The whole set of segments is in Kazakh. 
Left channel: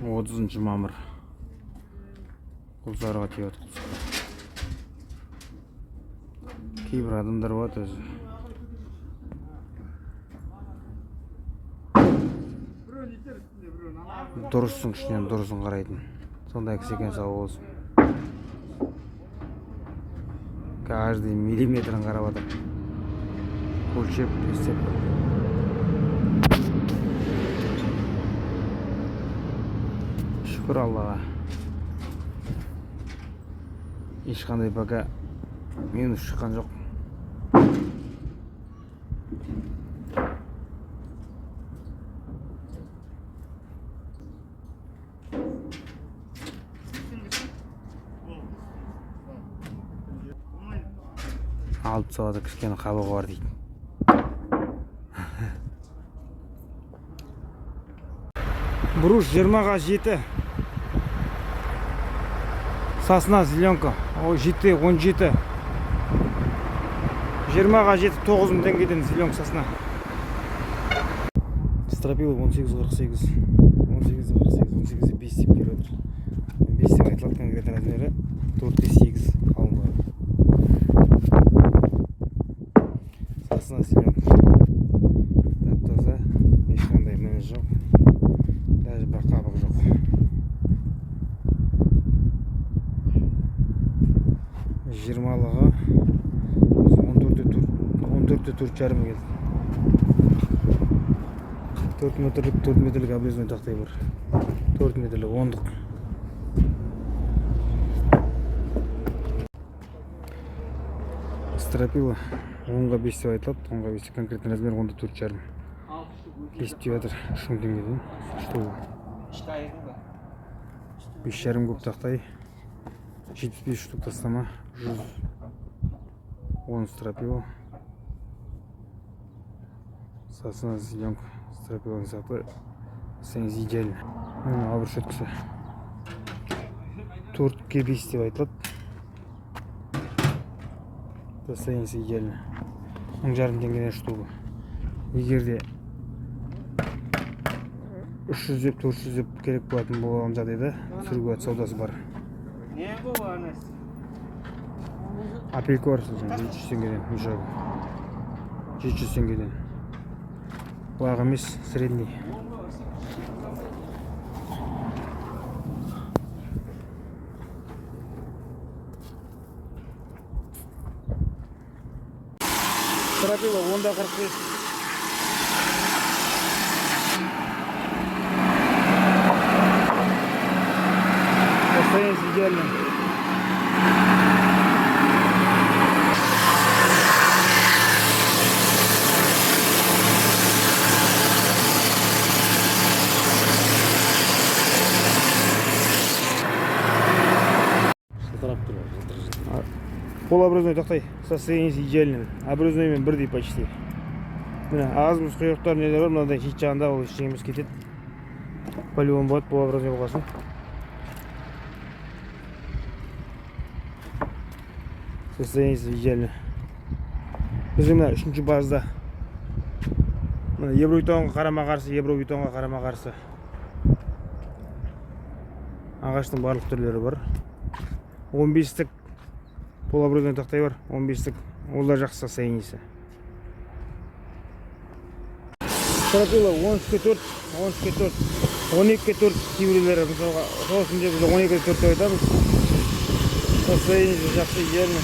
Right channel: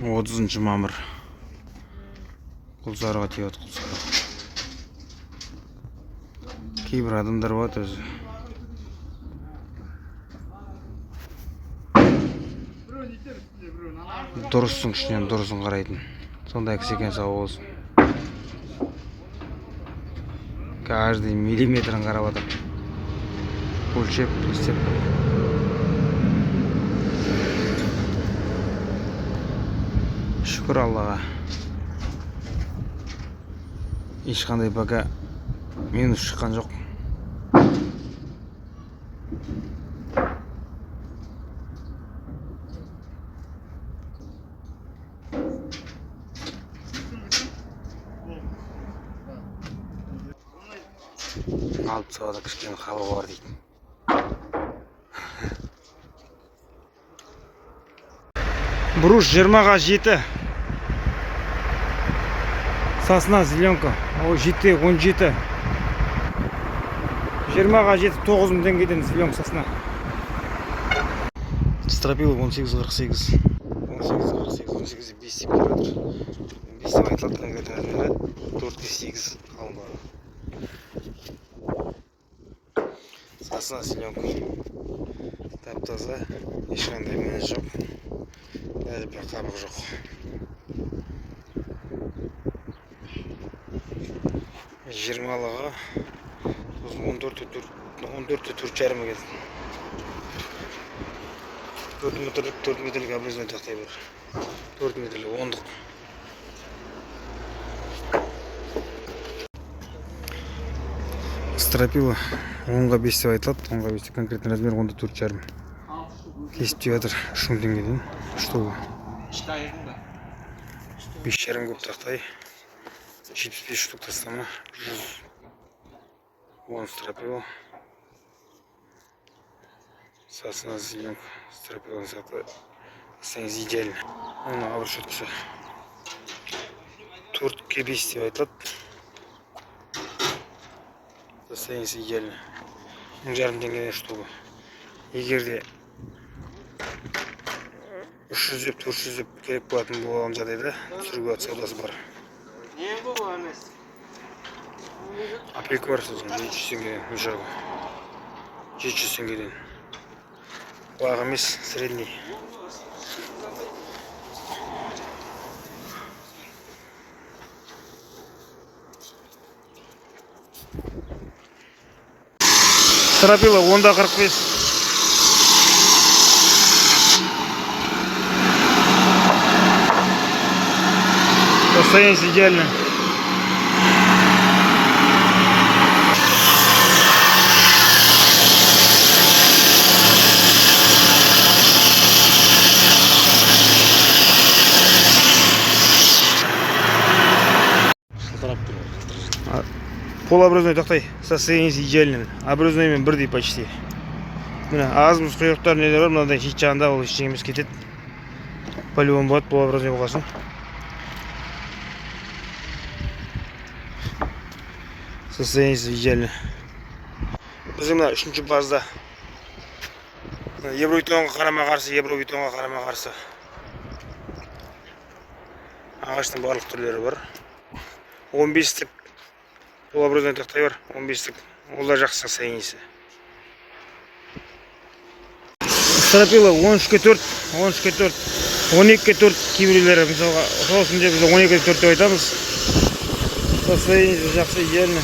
30 мамыр. Құлсарыға тиет құлсары. Кейбір адамдар бар өзі. Дұрыстың ішінен дұрысын қарайтын. Сондай кісі екен, сау болсын. Каждый миллиметрін қарап атыр. Өлшеп, істеп. Шүкір Аллаға. Ешқандай пока минус шыққан жоқ. Алып сауада кішкене қабығы бар дейді. Бруш 20-ға 7. Сосна зеленка. О, 7, 17. 20-ға 7, 9 мың теңгеден зеленка сосна. Стропил 18.48. 18.48, 18.5 деп келіп отыр. 5 деп айтылады конкретно размері 4.8 қалыңдығы. Сосна зеленка. Тап-таза, ешқандай мінез жоқ. Даже бір қабық жоқ. Жиырмалығы 14.4,5 келді. 4 метрлік обрезной тақтай бар. 4 метрлік 10-дық. Стропила 10-ға 5 деп айтылады. 10-ға 5 конкретный размер 14,5. Кесіп деп жатыр 3 мың теңгеден. Штуы. 5,5 көп тақтай. 75 штук тастама. 110 стропила. Сосна зеленка. Стропиланы сақта. Саңыз идеально. Оны абыр шөткісі. 4-ге 5 деп айтылады. Состояние идеально. 10,5 теңгеден штуы. Егерде 300 деп, 400 деп керек болатын болған жағдайда түсіруге саудасы бар. Апелька бар сосын 700 теңгеден мешағы. 700 теңгеден. Лағы емес, средний. Стропила 10-да 45. Состояние идеально. Полуобразной тақтай. Состояние идеально. Образныймен бірдей почти. Міне азымыз құйрықтар нелер бар, мынадай хит жағында ол ештеңеміз кетеді. Полион болады, полуобразной болғасын. Состояние идеально. Біздің мына 3-ші базда евровитонға қарама-қарсы, евровитонға қарама-қарсы ағаштың барлық түрлері бар. 15-тік полуобразной тақтай бар, 15-тік. Ол да жақсы состояниесі. Стропила 13-ке 4, 13-ке 4, 12-ке 4 кейбіреулері. Мысалға, сосын деп біз 12-ке 4 деп айтамыз. Состояниесі жақсы, идеально.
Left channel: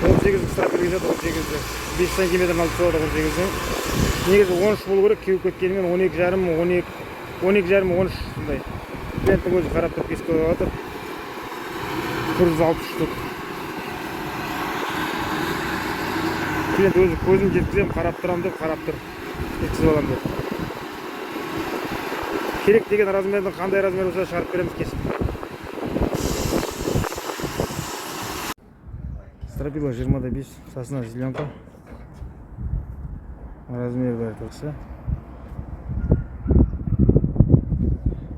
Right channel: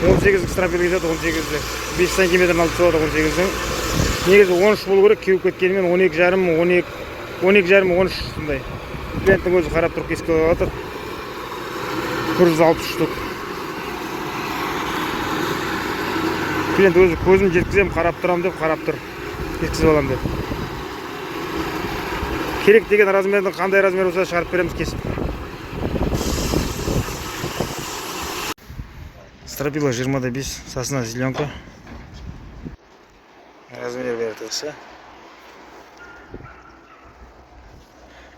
18-ік стропила кетеді, 18-ік. 5 сантиметрін алып тұрады 18-дің. Негізі 13 болу керек, кеуіп кеткенімен 12,5, 13 сондай. Клиенттің өзі қарап тұрып кесіп қойып жатыр. 160 штук. Клиент өзі көзім жеткізем, қарап тұрам деп, қарап тұр. Кескізіп алам деп. Керек деген размердің қандай размер болса шығарып береміз кесіп. Стропила 20-да 5, сосна зеленка. Размер берді.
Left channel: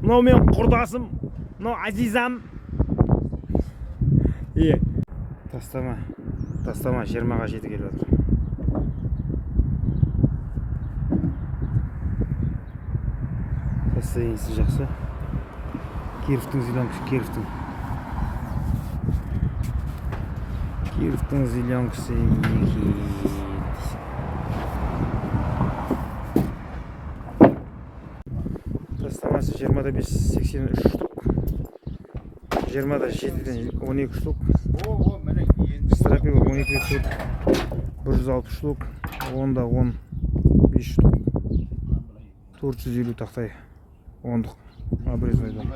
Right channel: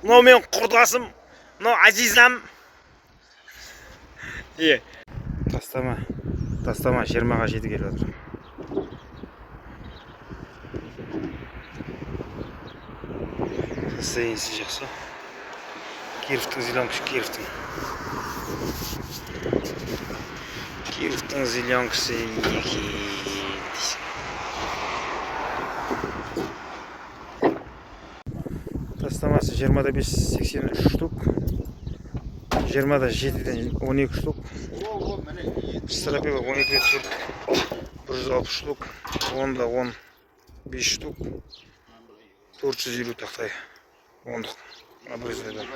Мынау мен құрдасым, мынау азизам. Тастама 20-ға 7 келіп отыр. Состояниесі жақсы. Кировтың зеленкасы, Кировтың. Кировтың зеленкасы екен. Пластамасы 25-83 штук. 27-ден 12 штук. Стропила 12-де 160 штук. 10-да 15 штук. 450 тақтай. 10-дық. Обрезойдан.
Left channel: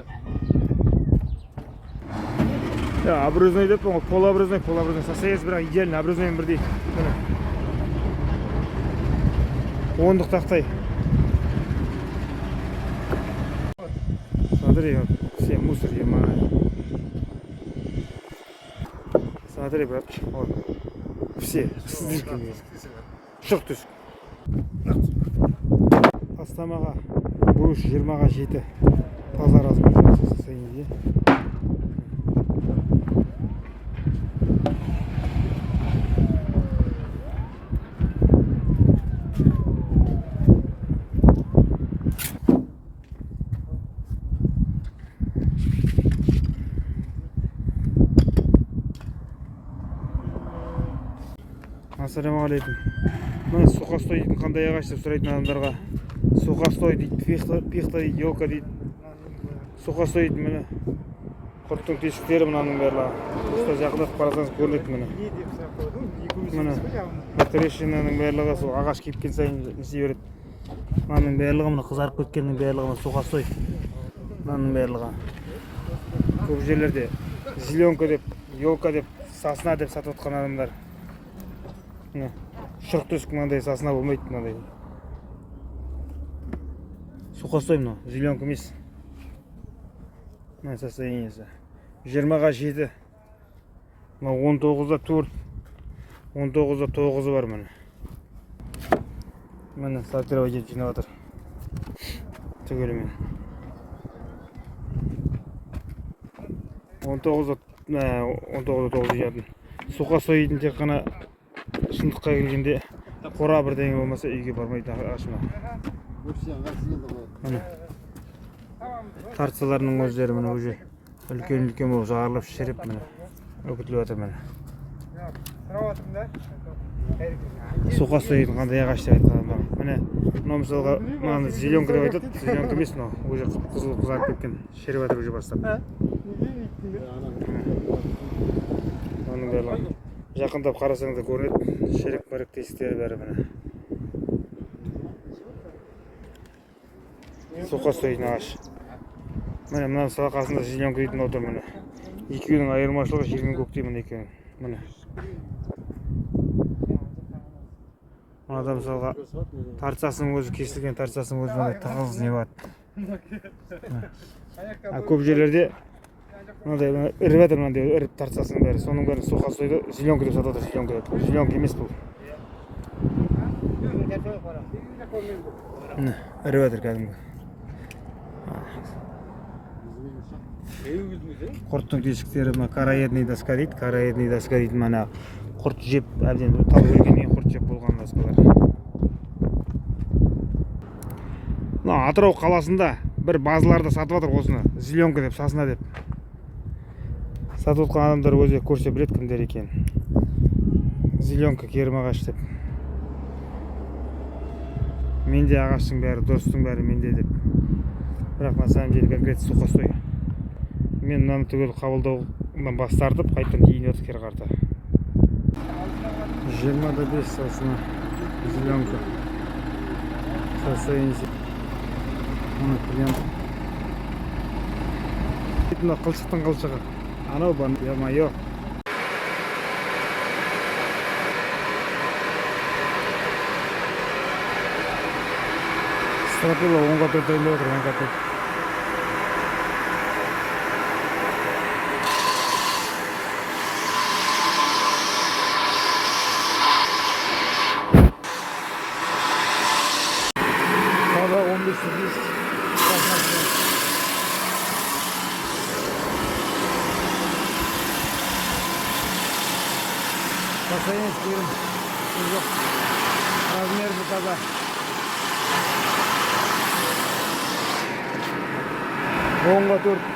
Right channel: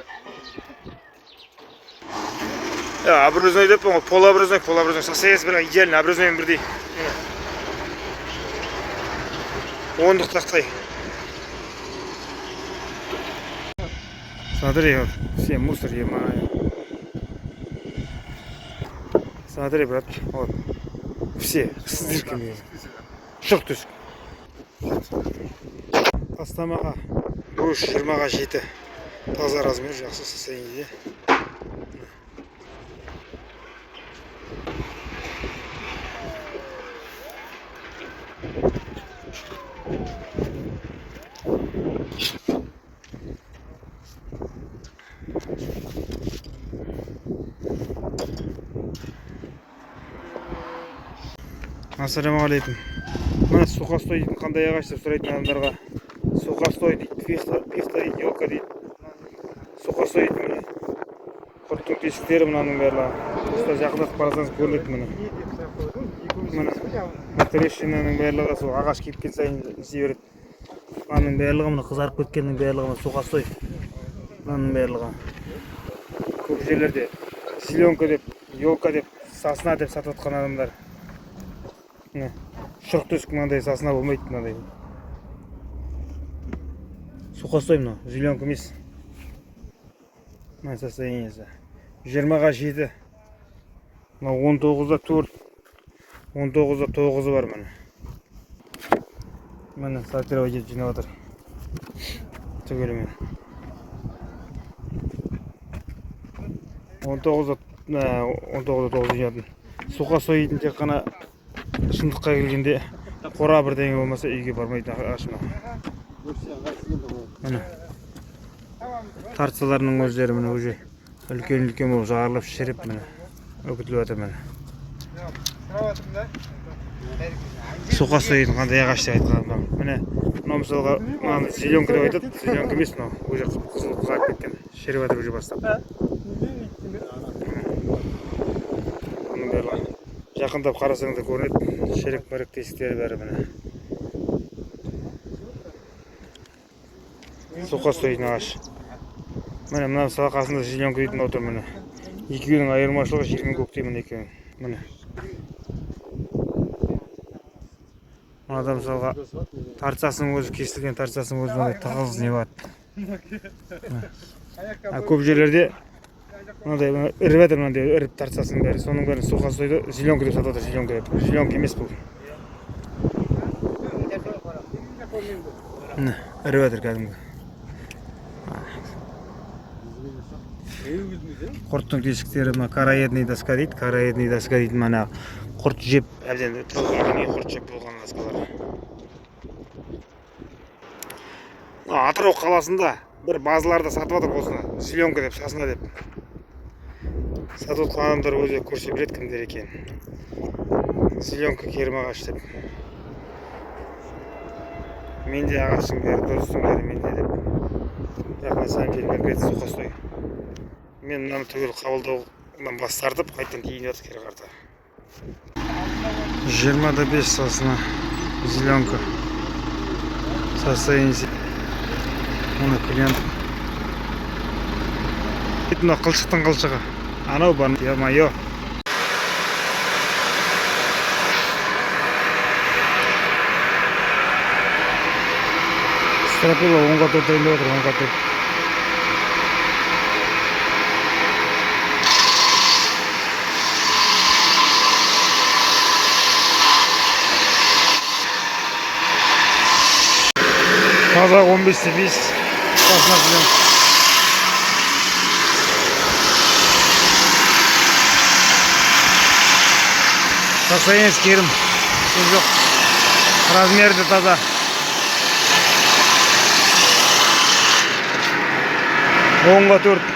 Обрезной деп, полуобрезной состоясь бір идеально, обрезоймен бірдей. 10-дық тақтай. Смотри, вот, все мусор емаю. Смотри, брат, вот, все с дырками. Шық түсік. Астамаға бұрыш 20-ға жеті. Таза размер жақсы состояние. Ассалаумағалейкум. Мына сухостой дейтін қандай ағаш деп сұрайтын адамдарға. Сухостой дейді, пихта дейді, елка дейді. Сухостой дейді міне. Құрттың тесіктері мынаның барлығы. Осылай жақындатып қарасаңыз көрінеді міне. Міне. Трещинаның барлығы сол ағаш кепкен сайын несе береді. Мынаның барлығы мына қызарып кеткеннің барлығы мына сухостой. Мынаның барлығы. Көп жерлерде зеленка деп, елка деп, сосна деп сатып жатқан адамдар. Шұрқ түсік мынандай сосна болмайды мынандай. Сухостой мынау, зеленка емес. Мына состояниесі. 20-ға 7. Мынау 19-да 4. 19-да 9 бар міне. Міне сортировать етіп жинап жатыр. Түгелімен. 19-да 9 жинатын. Сухостой дейтін тек қана шындыққа келгенде қора бірдеңе болмаса үйге бармайды ағаш мынау. Міне. Тартсаларының өздері міне уже үлкен болып жағарылып шіріп міне. Өкітіліп жатыр міне. Сухостой дейтін қандай ағаш деп айтқан. Міне мынау мысалға мынаны зеленка деп айтады. Зеленка емес мынау. Уже қызыл қызарып кеткен. Шіріп жатыр уже бастап. Оның барлығы. Жақындап қарасаңыз да көрінеді. Шірік-мірік тесіктері бәрі міне. Сухостой дейтін ағаш. Міне мына мысалы қасында зеленка дейтін отыр міне. Екеуінің айырмашылығы жер мен көктей міне екеуінің. Міне. Мынада мысалға тарцасының өзі кесілген, тарцасының өзі мынандай тығыз не болады. Көп жерлерде мынандай іріп жатыр, мынандай іріп тарцасының бәрі. Соның бәрі сухостойды зеленка деп сатып жатыр, зеленка деп. Зеленка емес бұл. Міне, іріп жатыр кәдімгі. Құрттың тесіктері мына караедный доска дейді. Караедный доска дейді. Мына құрт жеп, әлден тау өлгенге құрт жеп болған доскалар. Атырау қаласында бір базаларда сатып жатыр осыны. Зеленка деп, сосна деп. Сатып отқан адамдар өзі көрсе біледі кімдер екен. Зеленка керім ағаш деп. Менде ағаштың бәрі, дұрыстың бәрі менде деп. Бірақ на самом деле конкретно сухостой. Мен мынаны түгел қабылдаудан бас тартып, қайтадан кейін жатыр кері қарта. 20-да 5 сосна. Зеленка. Состояние. Оны клиент. Мына қылшықтың қылшығы. Анау бар, е-мое. Стропила 10-ға 4 райында отыр, 10-ға 4. Таза 15-те 5 сосна зеленка. Состояние керім. Сөз жоқ. Размерді таза. 10-ға 4.